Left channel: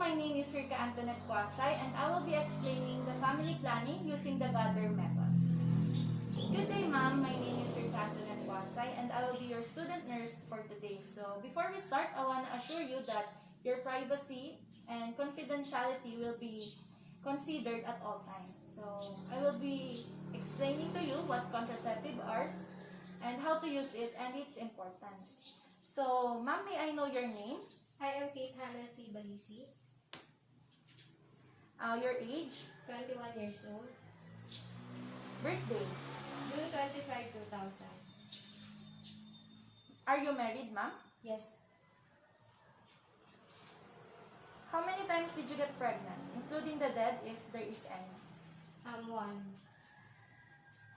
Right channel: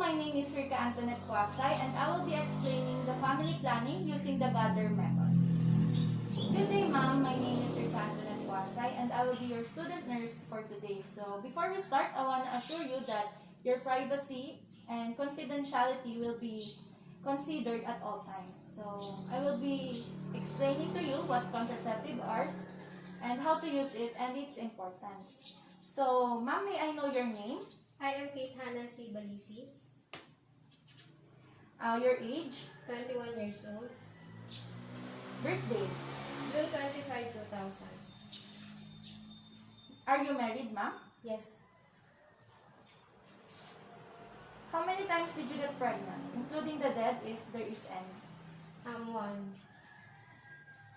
my name is Rica Antoinette Cuasay, and I will be explaining the family planning using the Hollander Method. Good day, ma'am. My name is Rica Antoinette Cuasay, and I will be your student nurse for today. So before we start, I want to assure you that your privacy and confidentiality will be considered at all times. So I will be explaining to you what contraceptive are and how to use it and its importance. So, ma'am, may I know your name? I am Kate Hannah C. Balisi, Your age, 21 years old, birthday. June 25, 2000. Are you married, ma'am? Yes, How many times did you get pregnant, including the dead if there is any? one.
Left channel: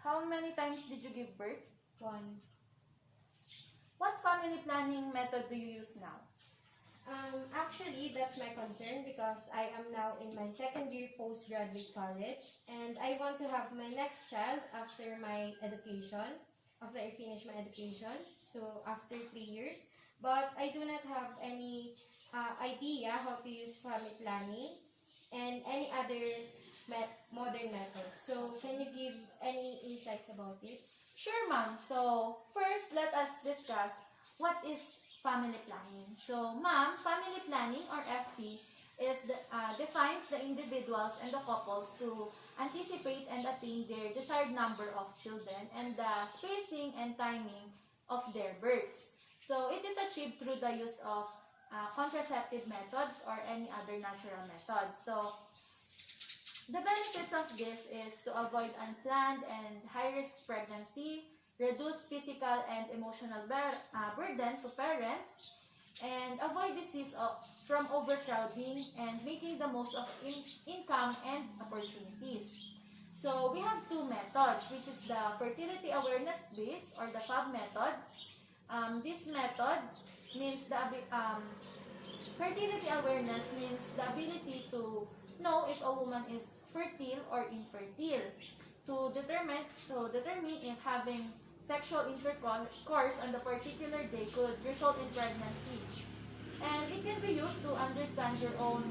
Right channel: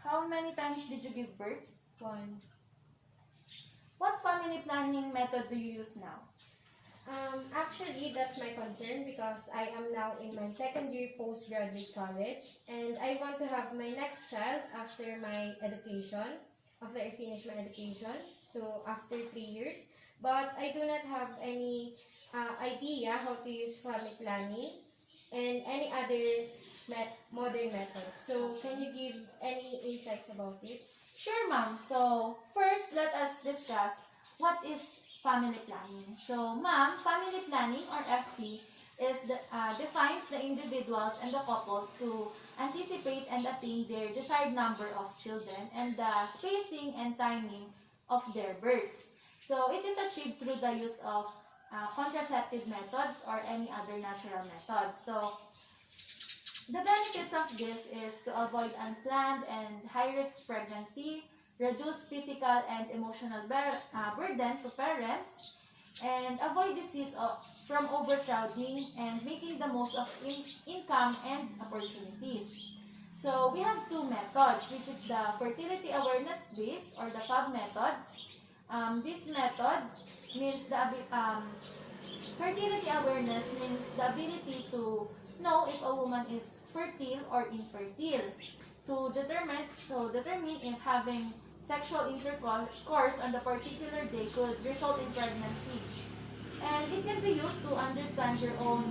How many times did you give birth? One. What family planning method do you use now? Actually, that's my concern because I am now in my second year postgraduate college and I want to have my next child after my education, after I finish my education, so after 3 years. But I do not have any idea how to use family planning and any other modern methods. So, can you give any insights about it? Sure, ma'am. So, first, let us discuss what is family planning. So, ma'am, family planning or FP defines the individuals and the couples to anticipate and attain their desired number of children and the spacing and timing of their births. So, it is achieved through the use of contraceptive methods or any other natural methods. So, the benefits of this is to avoid unplanned and high-risk pregnancy, reduce physical and emotional burden to parents, and avoid disease from overcrowding and making the most of income and opportunities. So, we have two methods, which is the fertility awareness base or the FAB method. This method means fertility awareness means the ability to know if a woman is fertile or infertile, to determine if having sexual intercourse on the particular day could result in pregnancy. And it can be used to understand your own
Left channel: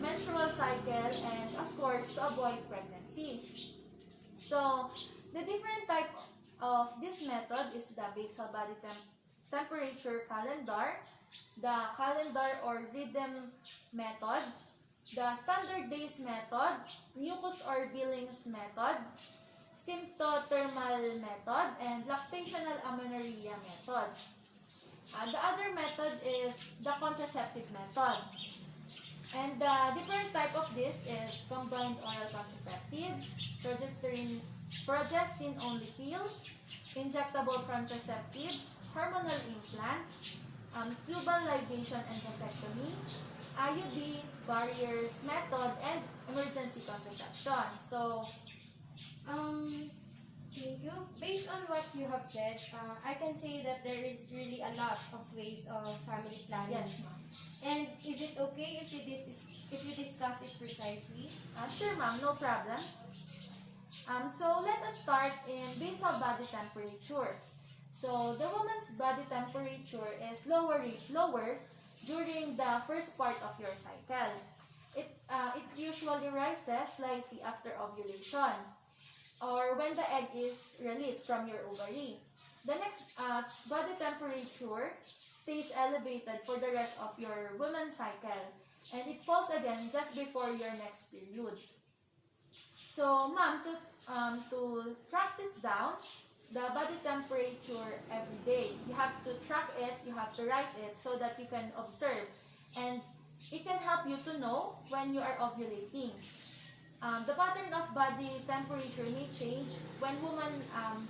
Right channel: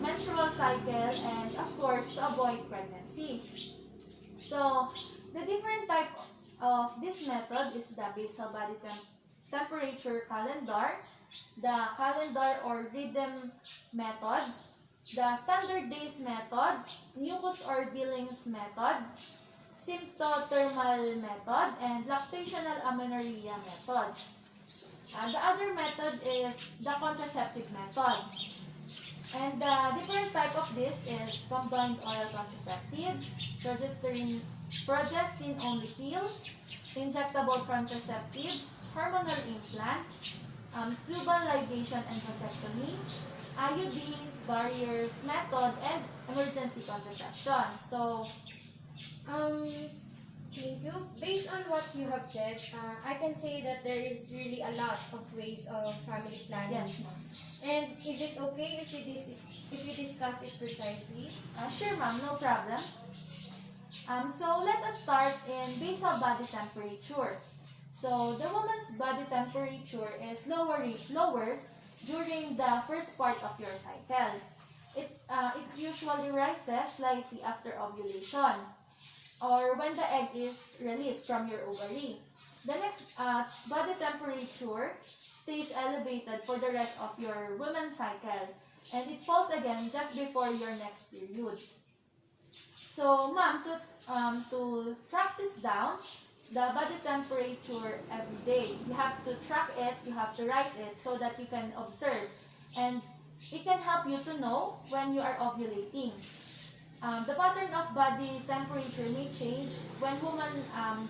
menstrual cycle and, of course, to avoid pregnancy. So, the different type of this method is the basal body temperature calendar, the calendar or rhythm method, the standard days method, mucus or Billings method, symptothermal method, and lactational amenorrhea method. The other method is the contraceptive method. And the different type of this is combined oil contraceptives, progestin-only pills, injectable contraceptives, hormonal implants, tubal ligation and vasectomy, IUD, barriers method, and emergency contraception. So, thank you. Based on what you have said, I can say that there is really a lot of ways of family planning. yes, ma'am. And is it okay if we discuss it precisely? Sure, ma'am, no problem. So, let us start in basal body temperature. So, the woman's body temperature is lower during the first part of your cycle. It usually rises slightly after ovulation or when the egg is released from your ovary. The next body temperature stays elevated for the rest of your woman's cycle and it falls again just before your next period. So, ma'am, to track this down, the body temperature every day, you have to track it, you have to write it so that you can observe. And it can help you to know when you are ovulating. The pattern of body temperature may change when women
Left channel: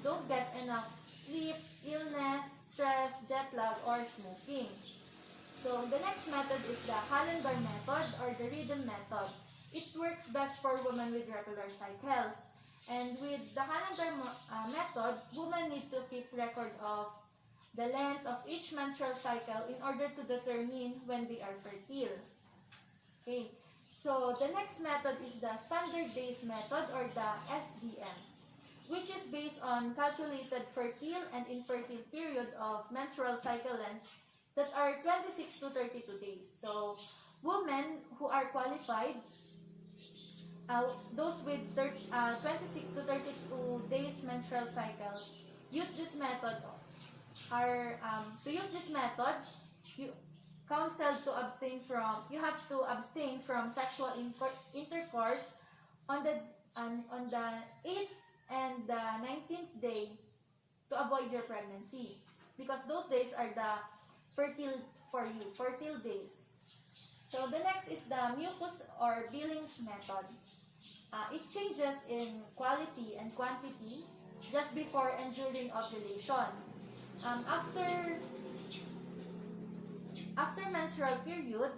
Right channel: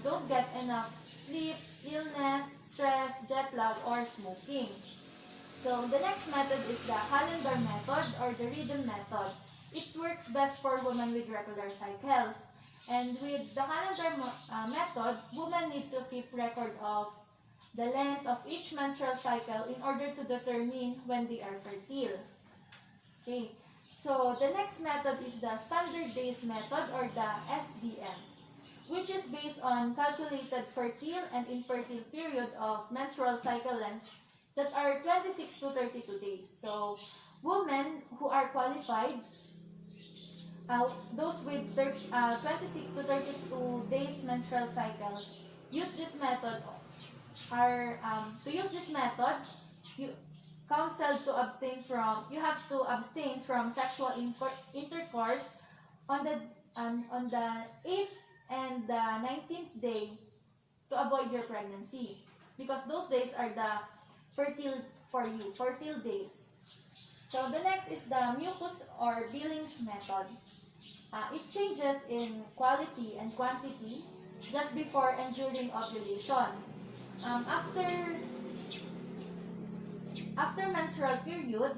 don't get enough sleep, illness, stress, jet lag, or smoking. So the next method is the calendar method or the rhythm method. It works best for women with regular cycles. And with the calendar method, women need to keep record of the length of each menstrual cycle in order to determine when they are fertile. Okay, so the next method is the standard days method or the SDM, which is based on calculated fertile and infertile period of menstrual cycle lengths that are 26 to 32 days. So, Women who are qualified, those with 26 to 32 days menstrual cycles, use this method. To use this method, you you have to abstain from sexual intercourse on the 8th and the 19th day to avoid your pregnancy, because those days are the fertile days. So the next is the mucus or Billings method. It changes in quality and quantity just before and during ovulation. After menstrual period,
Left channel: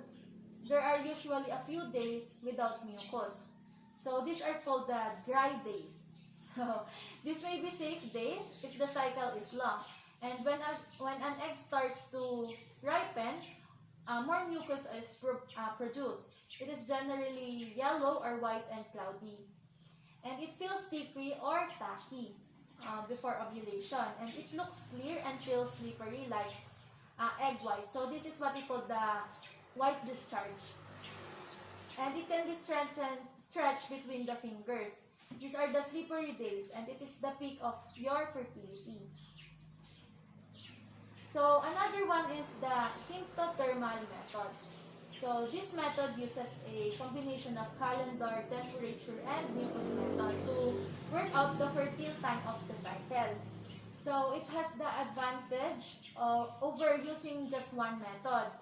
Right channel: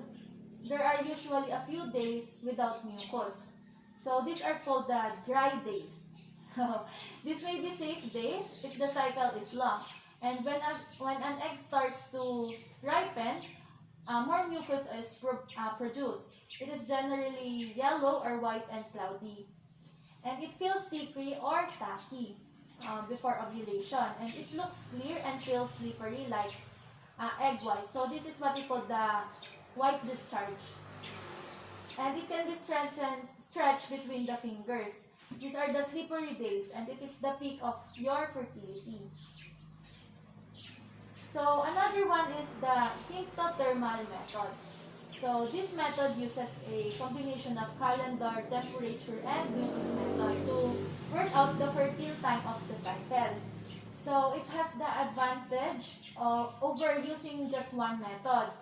there are usually a few days without mucus. So these are called the dry days. So this may be safe days if the cycle is long. And when an egg starts to ripen, more mucus is produced. It is generally yellow or white and cloudy. And it feels sticky or tacky before ovulation. And it looks clear and feels slippery like egg white. So this is what we call the white discharge. And it can be stretched between the fingers. These are the slippery days, and it is the peak of your fertility. So another one is the symptothermal method. So this method uses a combination of calendar, temperature, and mucus method to work out the fertile time of the cycle. So it has the advantage over using just one method,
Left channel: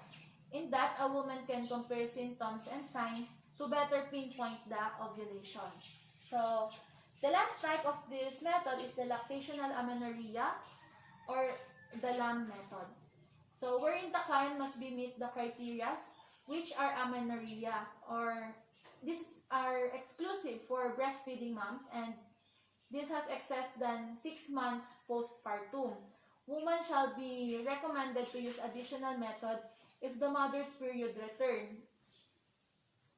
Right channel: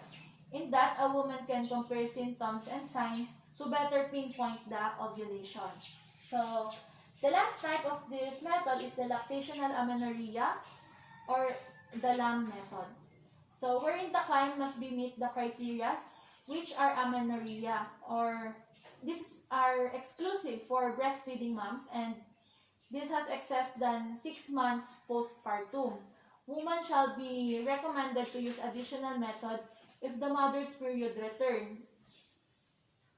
in that a woman can compare symptoms and signs to better pinpoint the ovulation. So the last type of this method is the lactational amenorrhea or the LAM method. So wherein the client must meet the criteria which are amenorrhea, or these are exclusive for breastfeeding moms, and this has excess than 6 months postpartum. Woman shall be recommended to use additional method if the mother's period returned,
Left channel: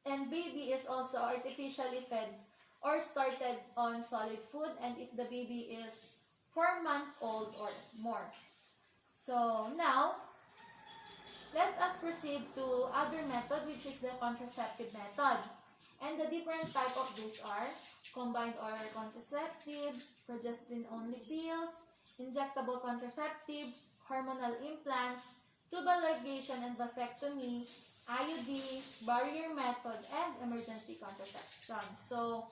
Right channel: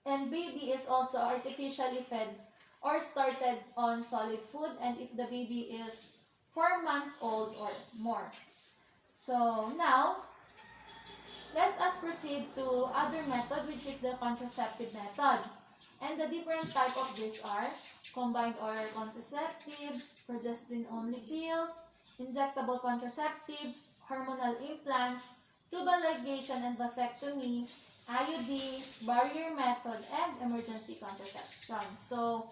and baby is also artificially fed or started on solid food, and if the baby is 4-month-old or more. So now, let us proceed to other method, which is the contraceptive method. And the different type of these are combined oral contraceptives, progesterone-only pills, injectable contraceptives, hormonal implants, tubal ligation and vasectomy, IUDs, barrier method, and emergency contraception. So,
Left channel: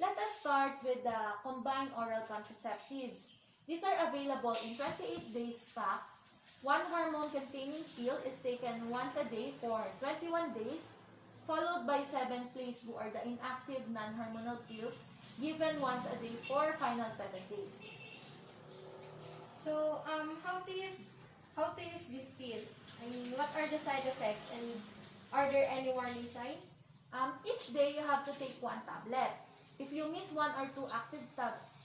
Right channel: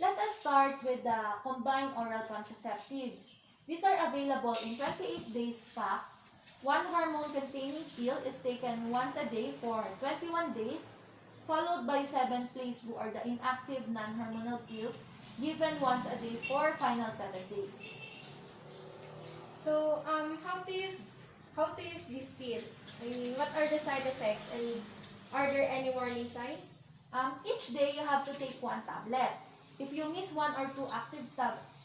let us start with the combined oral contraceptives. These are available in 28 days pack. One hormone-containing pill is taken once a day for 21 days, followed by 7 places who are the inactive non-hormonal pills given once a day for final 7 days. So, how to use this pill? I mean, what are the side effects, and are there any warning signs? Each day you have to take 1 tablet. If you miss 1 or 2 active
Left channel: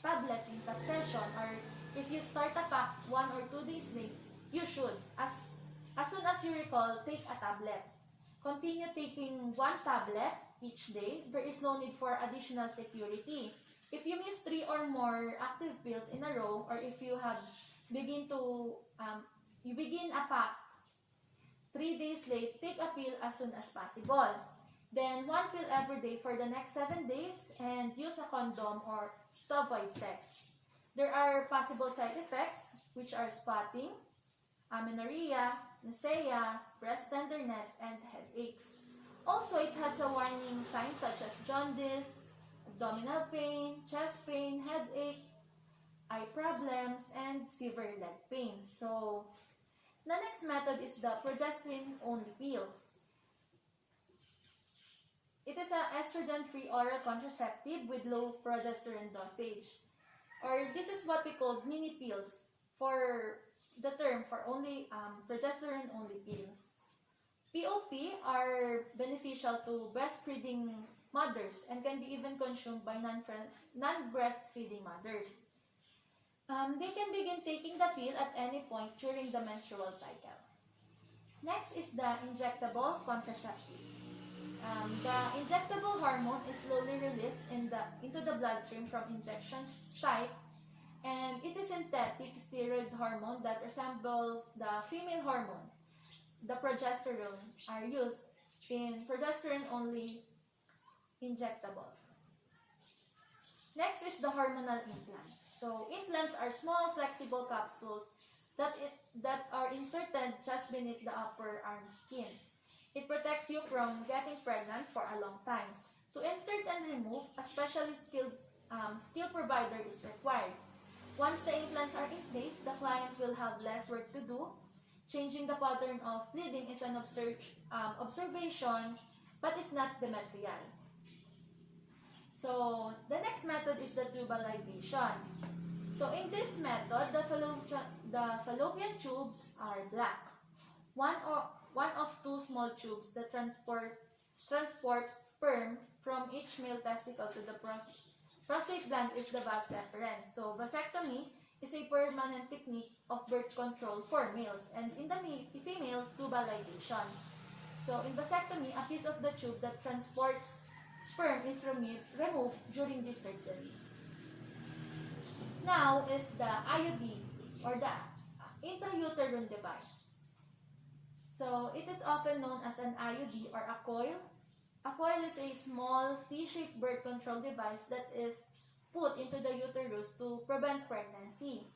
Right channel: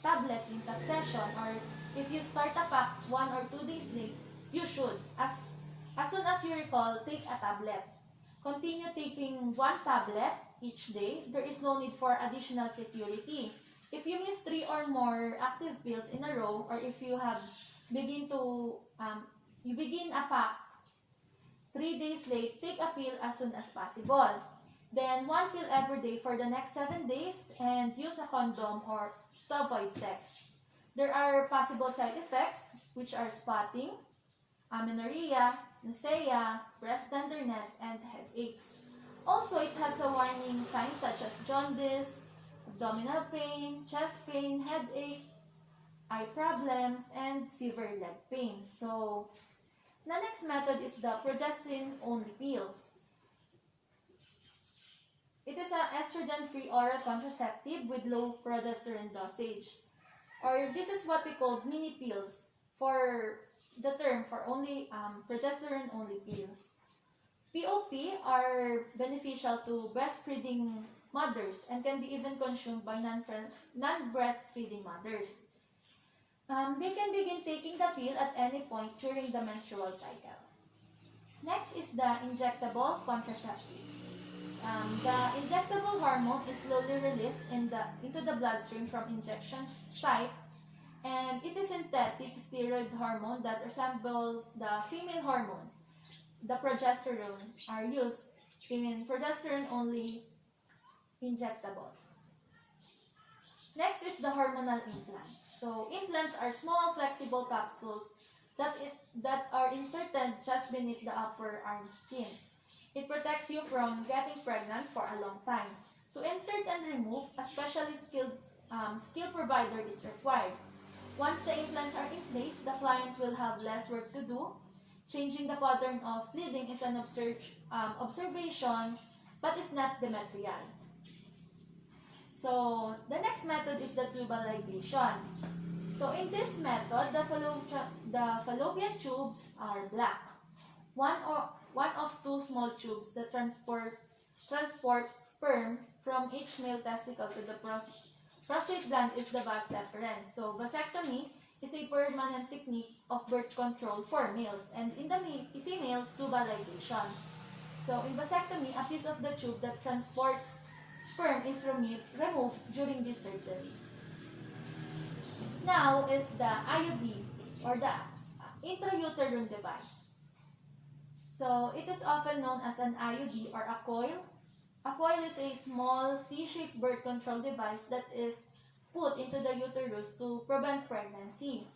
tablets in succession, or if you start a pack 1 or 2 days late, you should, as soon as you recall, take a tablet. Continue taking 1 tablet each day. There is no need for additional security. If you miss 3 or more active pills in a row, or if you have begin a pack 3 days late, take a pill as soon as possible. Then 1 pill every day for the next 7 days, and use a condom or to avoid sex. There are possible side effects, which are spotting, amenorrhea, nausea, breast tenderness, and headaches. Also, it has a warning signs such as jaundice, abdominal pain, chest pain, headache, eye problems, and severe leg pain. So, the next method is the progesterone-only pills. It is an estrogen-free oral contraceptive with low progesterone dosage. Or this is what we call mini pills, for the term for only progesterone-only pills. POP are beneficial to breastfeeding mothers and can be even consumed by non-breastfeeding mothers. They can begin taking the pill at any point during the menstrual cycle. Next is the injectable contraceptive. The injectable hormone is slowly released into the bloodstream from injection site, and it is synthetic steroid hormone that resembles the female hormone. The progesterone are used in progesterone-only injectable. Next is the hormonal implant. So implants are small flexible capsules that are inserted just beneath the upper arm skin. It protects you from getting pregnant for a long time. To insert and remove, a specially skilled skill provider is required. Once the implants are in place, the client will have less work to do. Changing the pattern of bleeding is an observation, but is not the material. So, the next method is the tubal ligation. So, in this method, the fallopian tubes are black. One of two small tubes that transport sperm from each male testicle to the prostate gland is the vas deferens. So, vasectomy is a permanent technique of birth control for males, and in the female, tubal ligation. So, in vasectomy, a piece of the tube that transports sperm is removed during this surgery. Now is the IUD, or the Intrauterine Device. So, it is often known as an IUD or a coil. A coil is a small T-shaped birth control device that is put into the uterus to prevent pregnancy.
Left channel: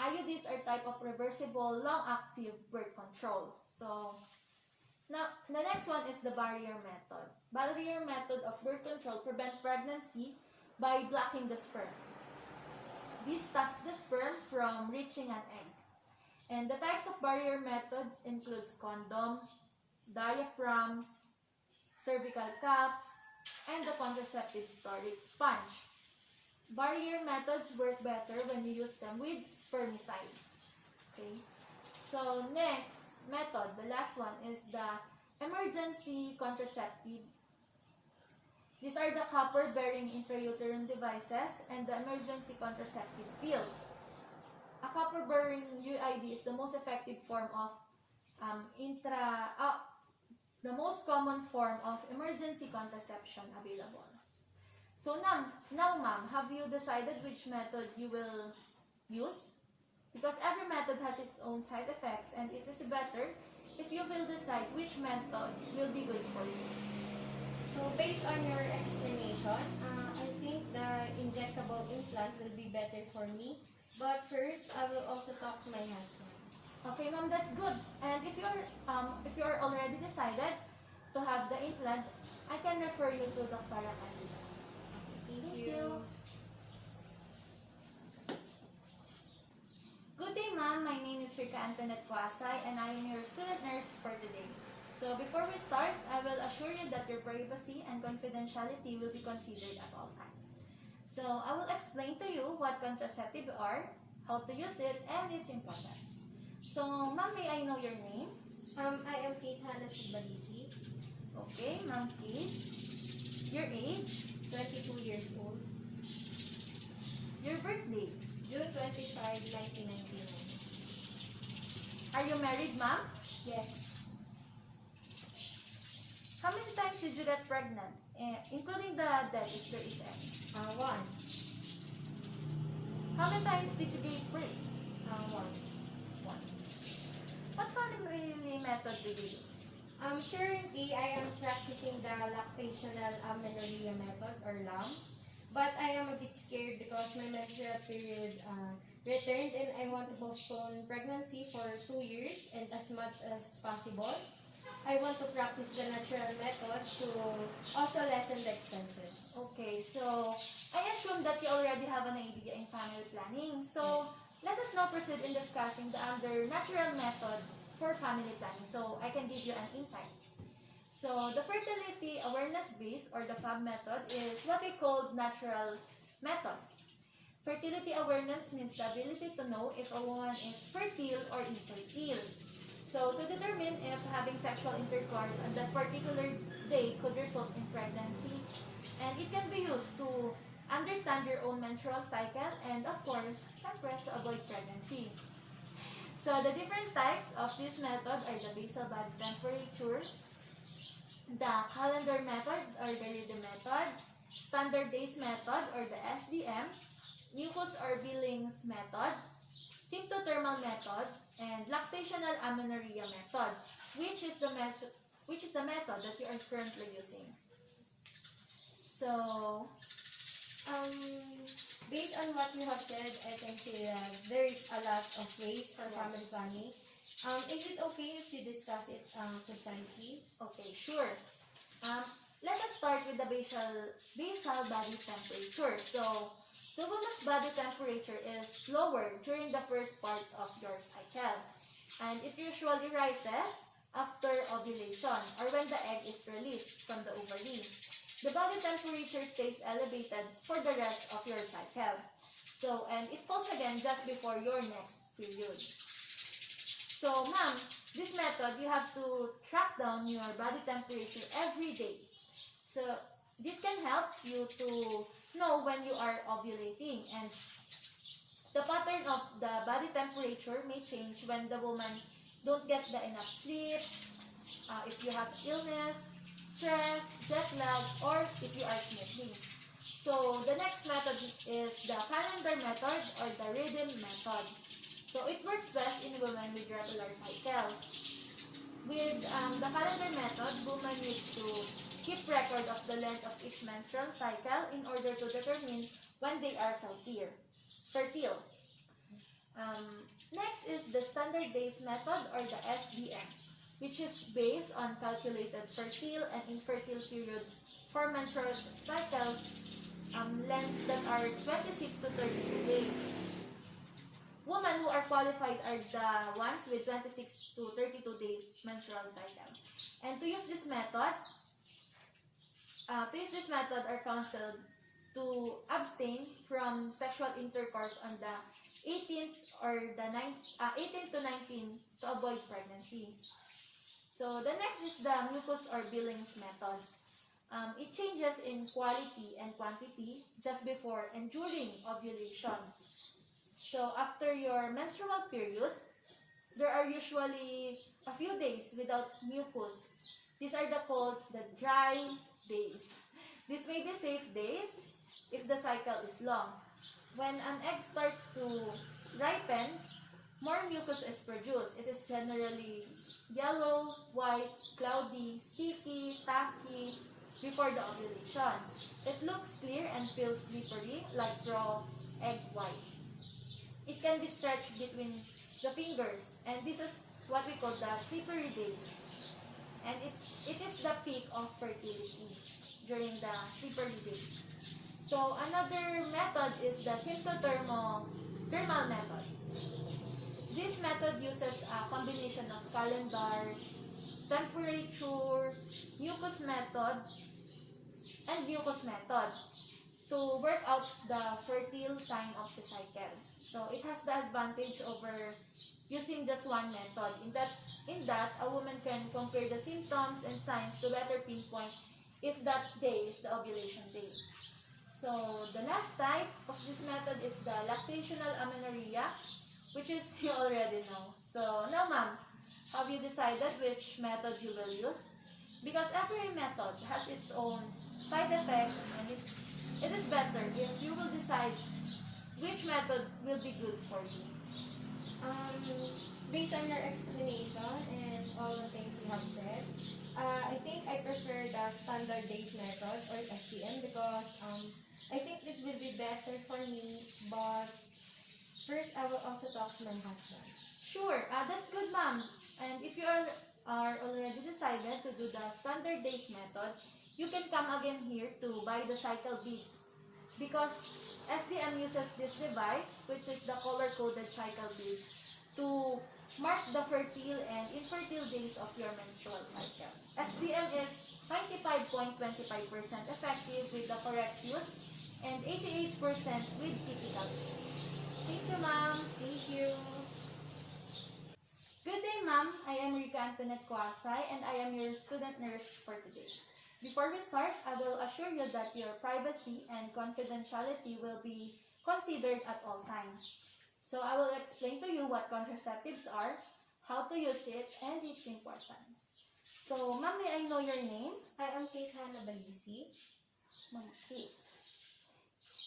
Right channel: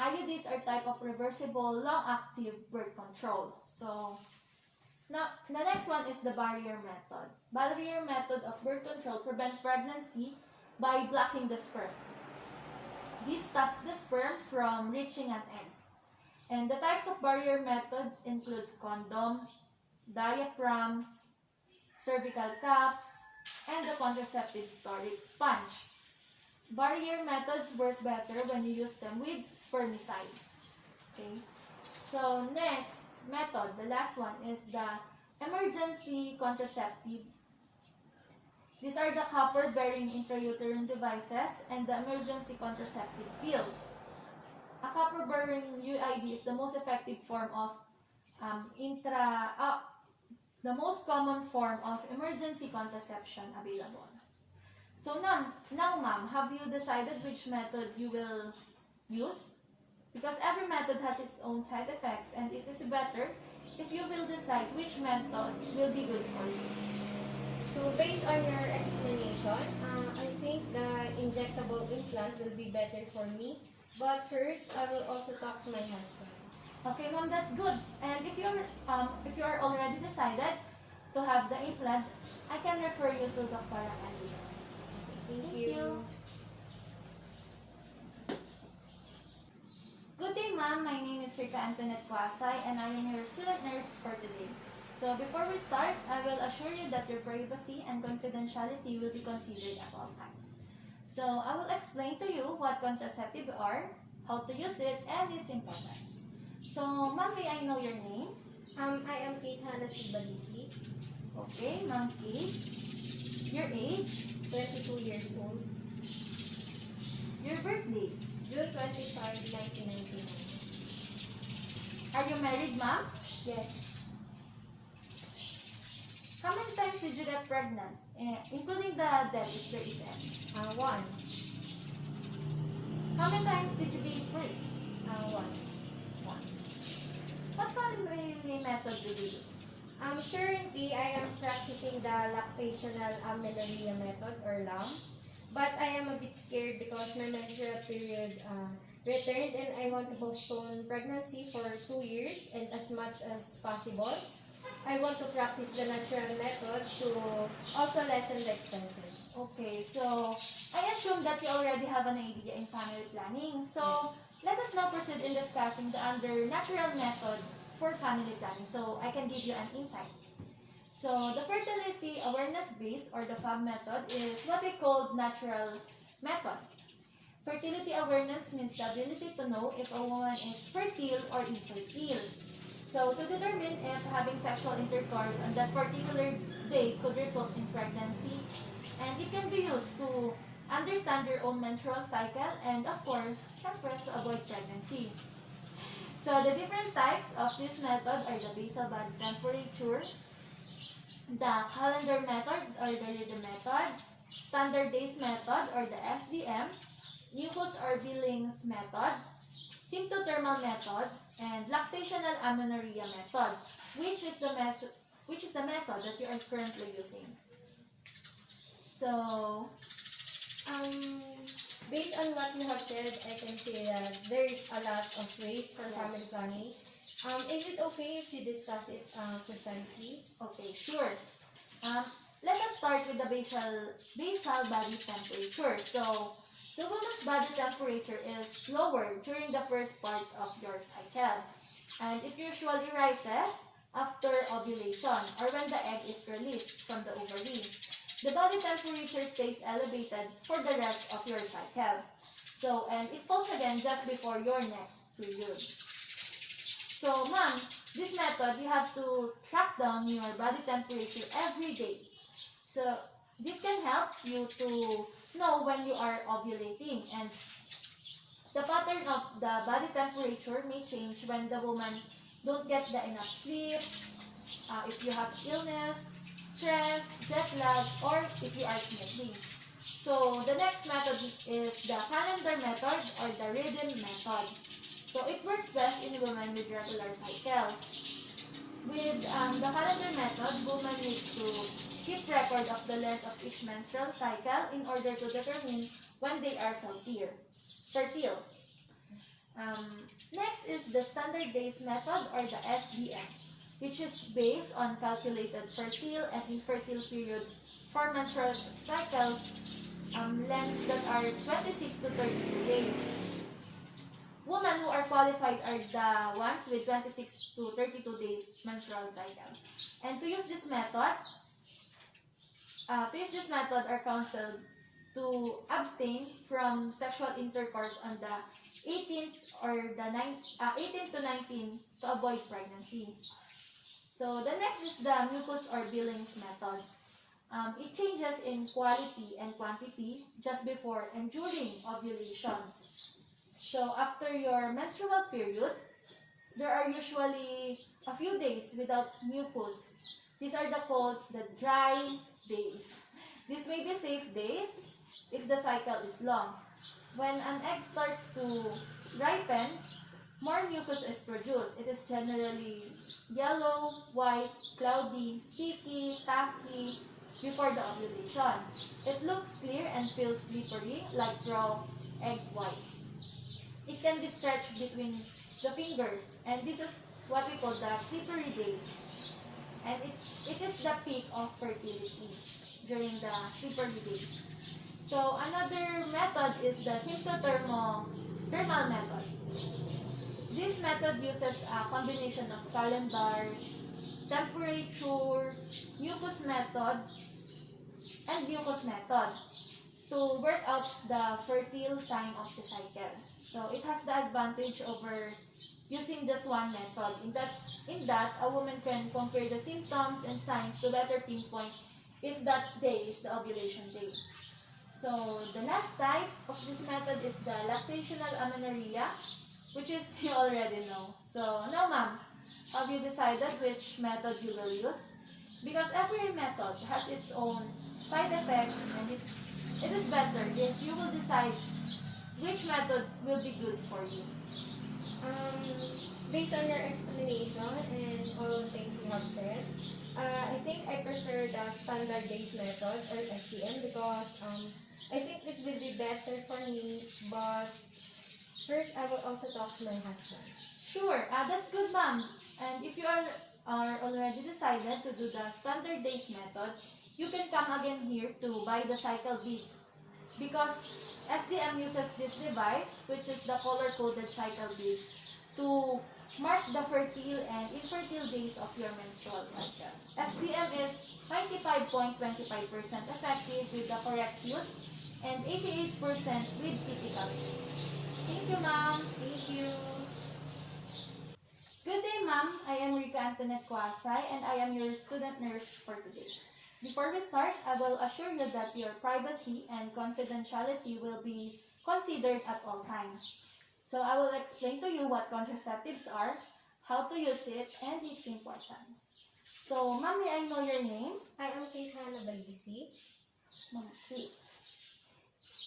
IUDs are type of reversible, long-active birth control. So, now, the next one is the barrier method. Barrier method of birth control prevent pregnancy by blocking the sperm. This stops the sperm from reaching an egg. And the types of barrier method includes condom, diaphragms, cervical caps, and the contraceptive storage sponge. Barrier methods work better when you use them with spermicide. Okay. So next method, the last one, is the emergency contraceptive. These are the copper-bearing intrauterine devices and the emergency contraceptive pills. A copper-bearing UID is the most effective form of the most common form of emergency contraception available. So now ma'am, have you decided which method you will use? Because every method has its own side effects, and it is better if you will decide which method will be good for you. So based on your explanation, I think the injectable implant will be better for me. But first, I will also talk to my husband. Okay, ma'am, that's good. And if you're already decided to have the implant, I can refer you to Dr. Andy. Thank you. Good day, ma'am. My name is Rica Antoinette Cuasay, and I am your student nurse for today. So before we start, I will assure you that your privacy and confidentiality will be considered at all times. So I will explain to you what contraceptives are, how to use it, and its importance. So, ma'am, may I know your name? I am Kate Hannah Sibalisi, Okay, ma'am Kate. Your age? 22 years old, Your birthday? June 25, 1999. Are you married, ma'am? Yes, How many times did you get pregnant? Including the death if there is any. one. How many times did you give birth? One. One. What family method do you use? Currently, I am practicing the Lactational Amenorrhea method, or LAM. But I am a bit scared because my menstrual period returned, and I want to postpone pregnancy for 2 years, and as much as possible, I want to practice the natural method to also lessen the expenses. Okay, so I assume that you already have an idea in family planning. So let us now proceed in discussing the natural method for family planning, so I can give you an insight. So the fertility awareness base, or the FAB method, is what we call natural method. Fertility awareness means the ability to know if a woman is fertile or infertile. So to determine if having sexual intercourse on that particular day could result in pregnancy, and it can be used to understand your own menstrual cycle, and of course, syempre, to avoid pregnancy. So the different types of this method are the basal body temperature, the Hollander Method or the Rica method, standard days method or the SDM, mucus or Billings method, symptothermal method, and lactational amenorrhea method, which is the which is the method that you are currently using. So, Based on what you have said, I can say that there is a lot of ways for family planning. Is it okay if we discuss it precisely? okay, sure. Let us start with the basal body temperature. So, the woman's body temperature is lower during the first part of your cycle, and it usually rises after ovulation or when the egg is released from the ovary. The body temperature stays elevated for the rest of your cycle. So, and it falls again just before your next period. So, ma'am, this method, you have to track down your body temperature every day. So, this can help you to know when you are ovulating, and the pattern of the body temperature may change when the woman don't get the enough sleep, if you have illness, stress, jet lag, or if you are sniffling. So, the next method is the calendar method or the rhythm method. So, it works best in women with regular cycles. With the calendar method, women need to keep record of the length of each menstrual cycle in order to determine when they are fertile. Next is the standard days method or the SDM, which is based on calculated fertile and infertile periods for menstrual cycles lengths that are 26 to 32 days. Women who are qualified are the ones with 26 to 32 days menstrual cycle. And to use this method are counseled to abstain from sexual intercourse on the 18th or the 18th to 19th to avoid pregnancy. So the next is the mucus or Billings method. It changes in quality and quantity just before and during ovulation. So after your menstrual period, there are usually a few days without mucus. These are called the dry days. These may be safe days if the cycle is long. When an egg starts to ripen, more mucus is produced. It is generally yellow, white, cloudy, sticky, tacky before the ovulation. It looks clear and feels slippery like raw egg white. It can be stretched between the fingers, and this is what we call the slippery days. And it is the peak of fertility during the slippery days. So another method is the symptothermal method. This method uses a combination of calendar, temperature, mucus method, and mucus method to work out the fertile time of the cycle. So it has the advantage over using just one method. In that, a woman can compare the symptoms and signs to better pinpoint if that day is the ovulation day. So the last type of this method is the Lactational Amenorrhea, which is you already know. So now, ma'am, have you decided which method you will use? Because every method has its own side effects, and it is better if you will decide which method will be good for you. Based on your explanation and all the things you have said, I think I prefer the standard days method or STM because I think it will be better for me. But first, I will also talk to my husband. Sure, that's good, ma'am. And if you are already decided to do the standard days method, you can come again here to buy the cycle beads. Because SDM uses this device, which is the color-coded cycle beads, to mark the fertile and infertile days of your menstrual cycle. SDM is 95.25% effective with the correct use and 88% with ethical use. Thank you, ma'am. Thank you. Good day, ma'am. I am Rica Antoinette Cuasay, and I am your student nurse for today. Before we start, I will assure you that your privacy and confidentiality will be considered at all times. So I will explain to you what contraceptives are, how to use it, and its importance. So, ma'am, may I know your name? I am Kate Hannah Balisi. Ma'am Kate.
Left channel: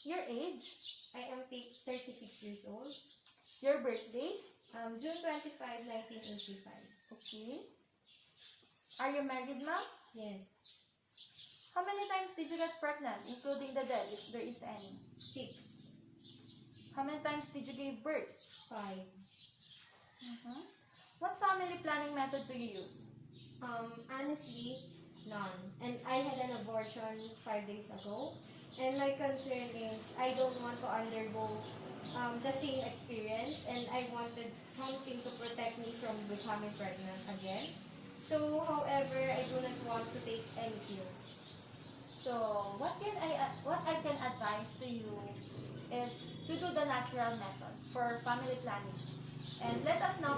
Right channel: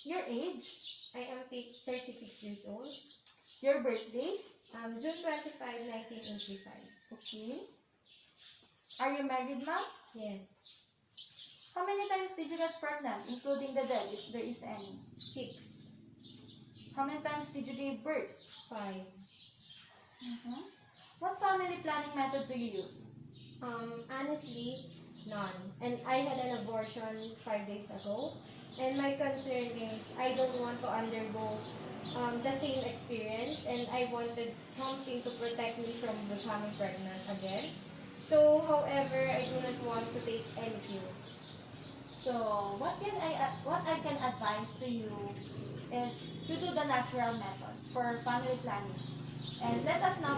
Your age? I am 36 years old. Your birthday? June 25, 1985. Okay. Are you married, ma'am? Yes. How many times did you get pregnant, including the dead, if there is any? 6. How many times did you give birth? 5. Mhm. What family planning method do you use? Honestly, none. And I had an abortion 5 days ago. And my concern is I don't want to undergo the same experience, and I wanted something to protect me from becoming pregnant again. So, however, I do not want to take any pills. So, what I can advise to you is to do the natural method for family planning. And let us now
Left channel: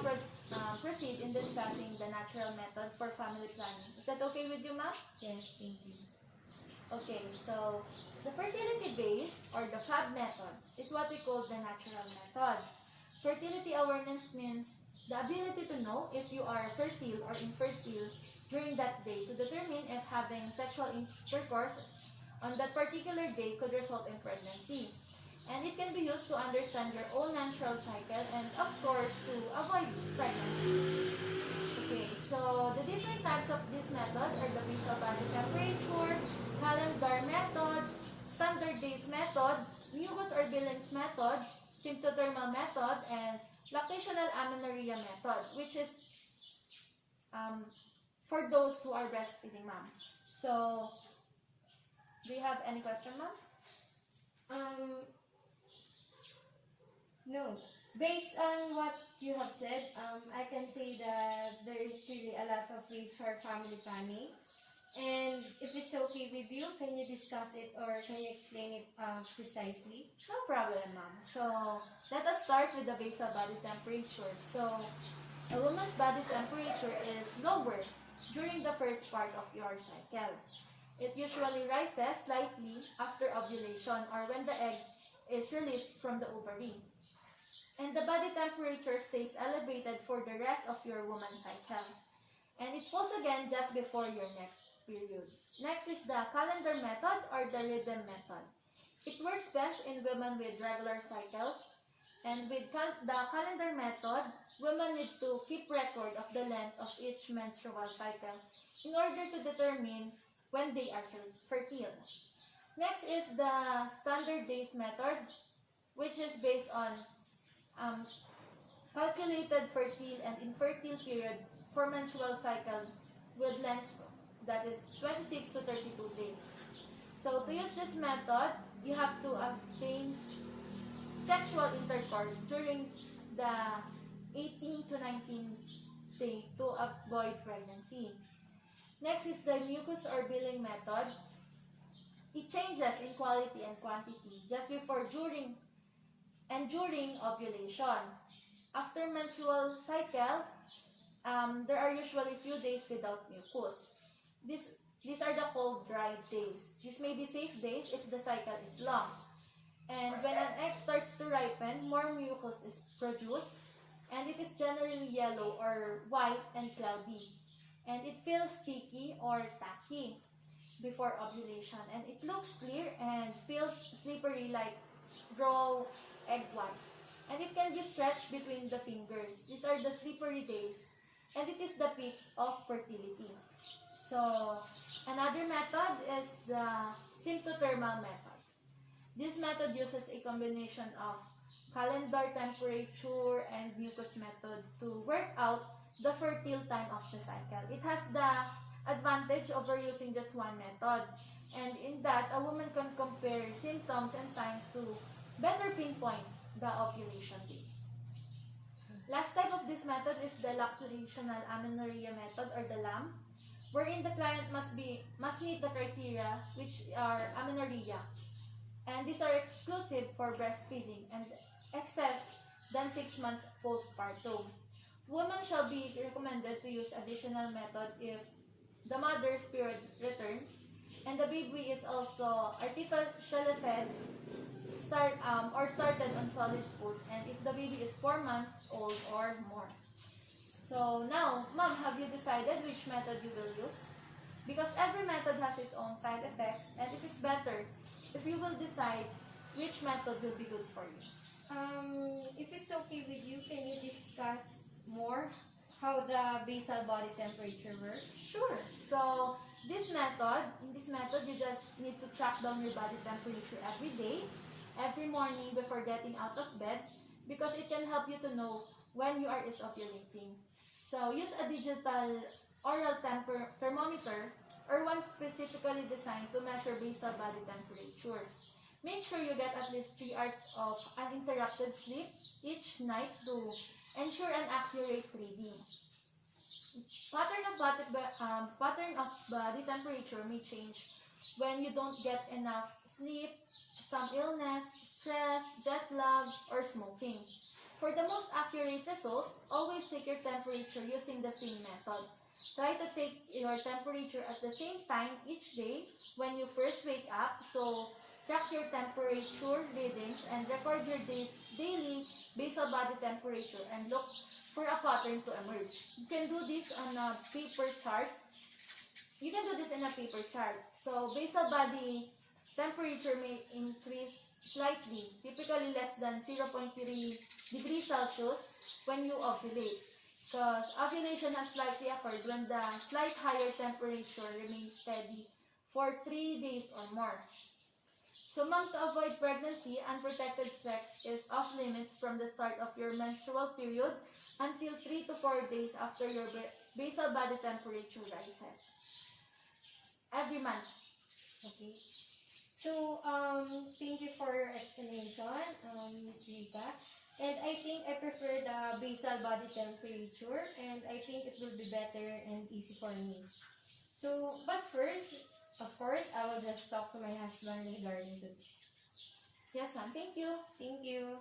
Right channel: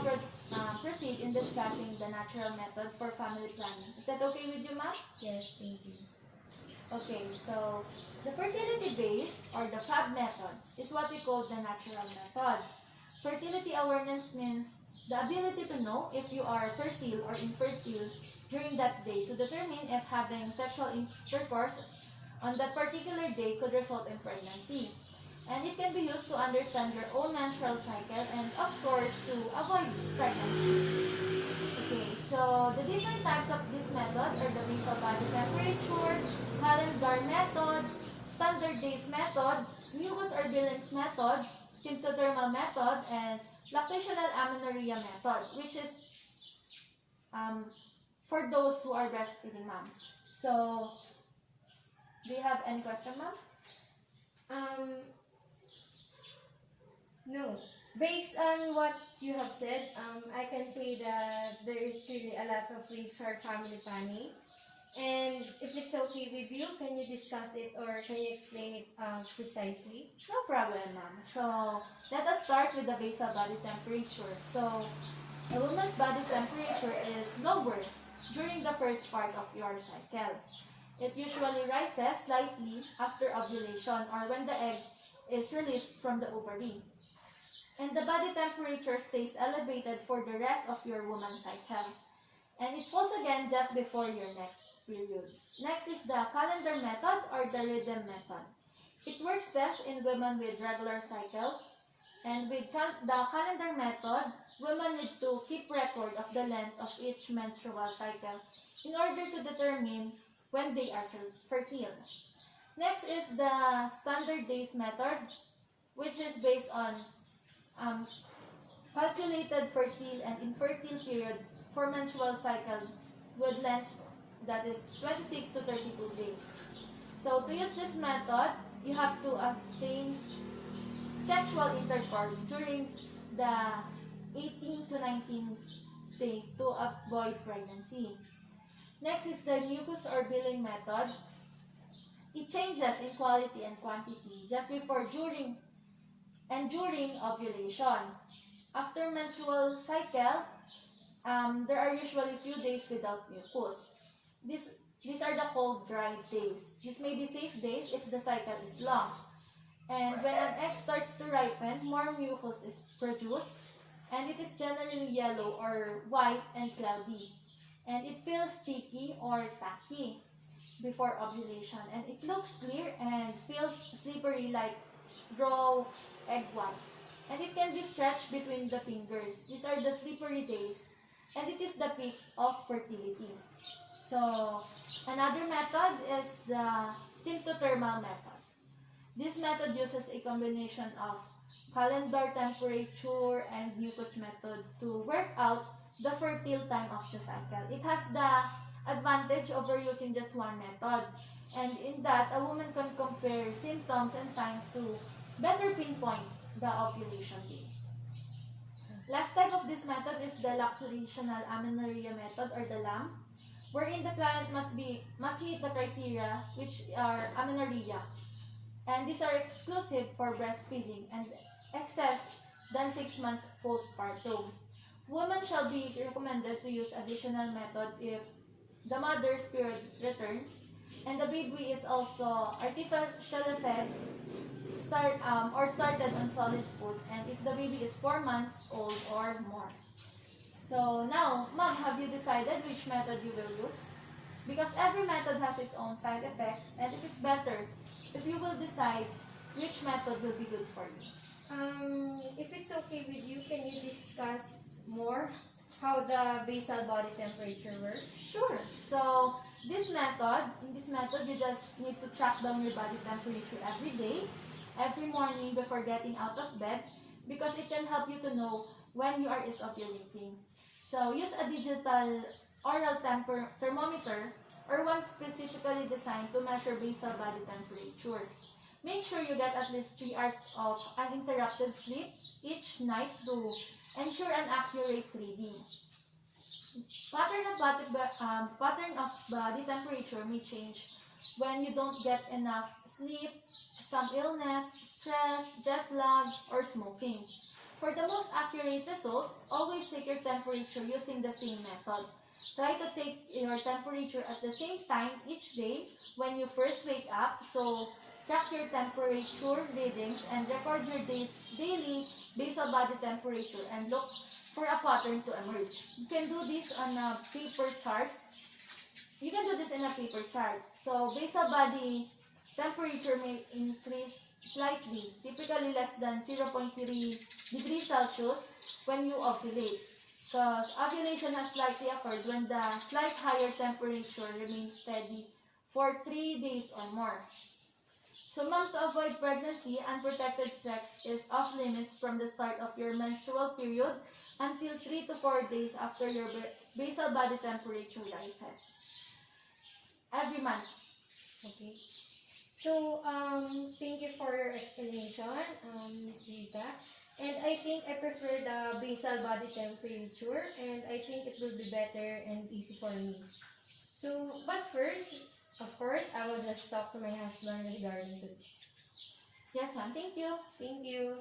proceed in discussing the natural method for family planning. Is that okay with you, ma'am? Yes, thank you. Okay, so the fertility base or the FAB method is what we call the natural method. Fertility awareness means the ability to know if you are fertile or infertile during that day to determine if having sexual intercourse on that particular day could result in pregnancy. And it can be used to understand your own menstrual cycle and, of course, to avoid pregnancy. Okay, so the different types of this method are the basal body temperature, Hollander Method, standard days method, mucus or Billings method, symptothermal method, and lactational amenorrhea method, which is for those who are breastfeeding, ma'am. So, do you have any question, ma'am? No. Based on what you have said, I can say that there is really a lot of ways for family planning. And if it's okay with you, can you discuss it or can you explain it precisely? No problem, ma'am. So, let us start with the basal body temperature. So, a woman's body temperature is lower during the first part of your cycle. It usually rises slightly after ovulation or when the egg is released from the ovary. And the body temperature stays elevated for the rest of your woman's cycle. And it falls again just before your next period. Next is the calendar method or the rhythm method. It works best in women with regular cycles. And with the calendar method, women need to keep record of the length of each menstrual cycle in order to determine when they are fertile. Next is the standard days method, which is based on calculated fertile and infertile period for menstrual cycle with lengths that is 26 to 32 days. So to use this method, you have to abstain sexual intercourse during the 18 to 19 day to avoid pregnancy. Next is the mucus or billing method. It changes in quality and quantity just before, during ovulation. After menstrual cycle, there are usually few days without mucus. These are the called dry days. These may be safe days if the cycle is long. And when an egg starts to ripen, more mucus is produced, and it is generally yellow or white and cloudy. And it feels sticky or tacky before ovulation. And it looks clear and feels slippery like raw egg white. And it can be stretched between the fingers. These are the slippery days. And it is the peak of fertility. So, another method is the symptothermal method. This method uses a combination of calendar temperature and mucus method to work out the fertile time of the cycle. It has the advantage over using just one method. And in that, a woman can compare symptoms and signs to better pinpoint the ovulation day. Last type of this method is the Lactational Amenorrhea method or the LAM, wherein the client must meet the criteria which are amenorrhea. And these are exclusive for breastfeeding and excess than 6 months postpartum. Women shall be recommended to use additional method if the mother's period return and the baby is also artificially fed started on solid food, and if the baby is 4 months old or more. So now, ma'am, have you decided which method you will use? Because every method has its own side effects, and it is better if you will decide which method will be good for you. If it's okay with you, can you discuss more how the basal body temperature works? Sure. So, in this method, you just need to track down your body temperature every day, every morning before getting out of bed, because it can help you to know when you are ovulating. So, use a digital oral thermometer or one specifically designed to measure basal body temperature. Make sure you get at least 3 hours of uninterrupted sleep each night to ensure an accurate reading. Pattern of body temperature may change when you don't get enough sleep, some illness, stress, jet lag, or smoking. For the most accurate results, always take your temperature using the same method. Try to take your temperature at the same time each day when you first wake up. So, track your temperature readings and record your daily basal body temperature and look for a pattern to emerge. You can do this on a paper chart. So, basal body temperature may increase slightly, typically less than 0.3 degrees Celsius when you ovulate, because ovulation has likely occurred when the slight higher temperature remains steady for 3 days or more. So, mom, to avoid pregnancy, unprotected sex is off limits from the start of your menstrual period until 3 to 4 days after your basal body temperature rises. Every month. Okay. So, thank you for your explanation, Ms. Rica. And I think I prefer the basal body temperature, and I think it will be better and easy for me. So, but first, of course, I will just talk to my husband regarding to this. Yes, ma'am. Thank you. Thank you.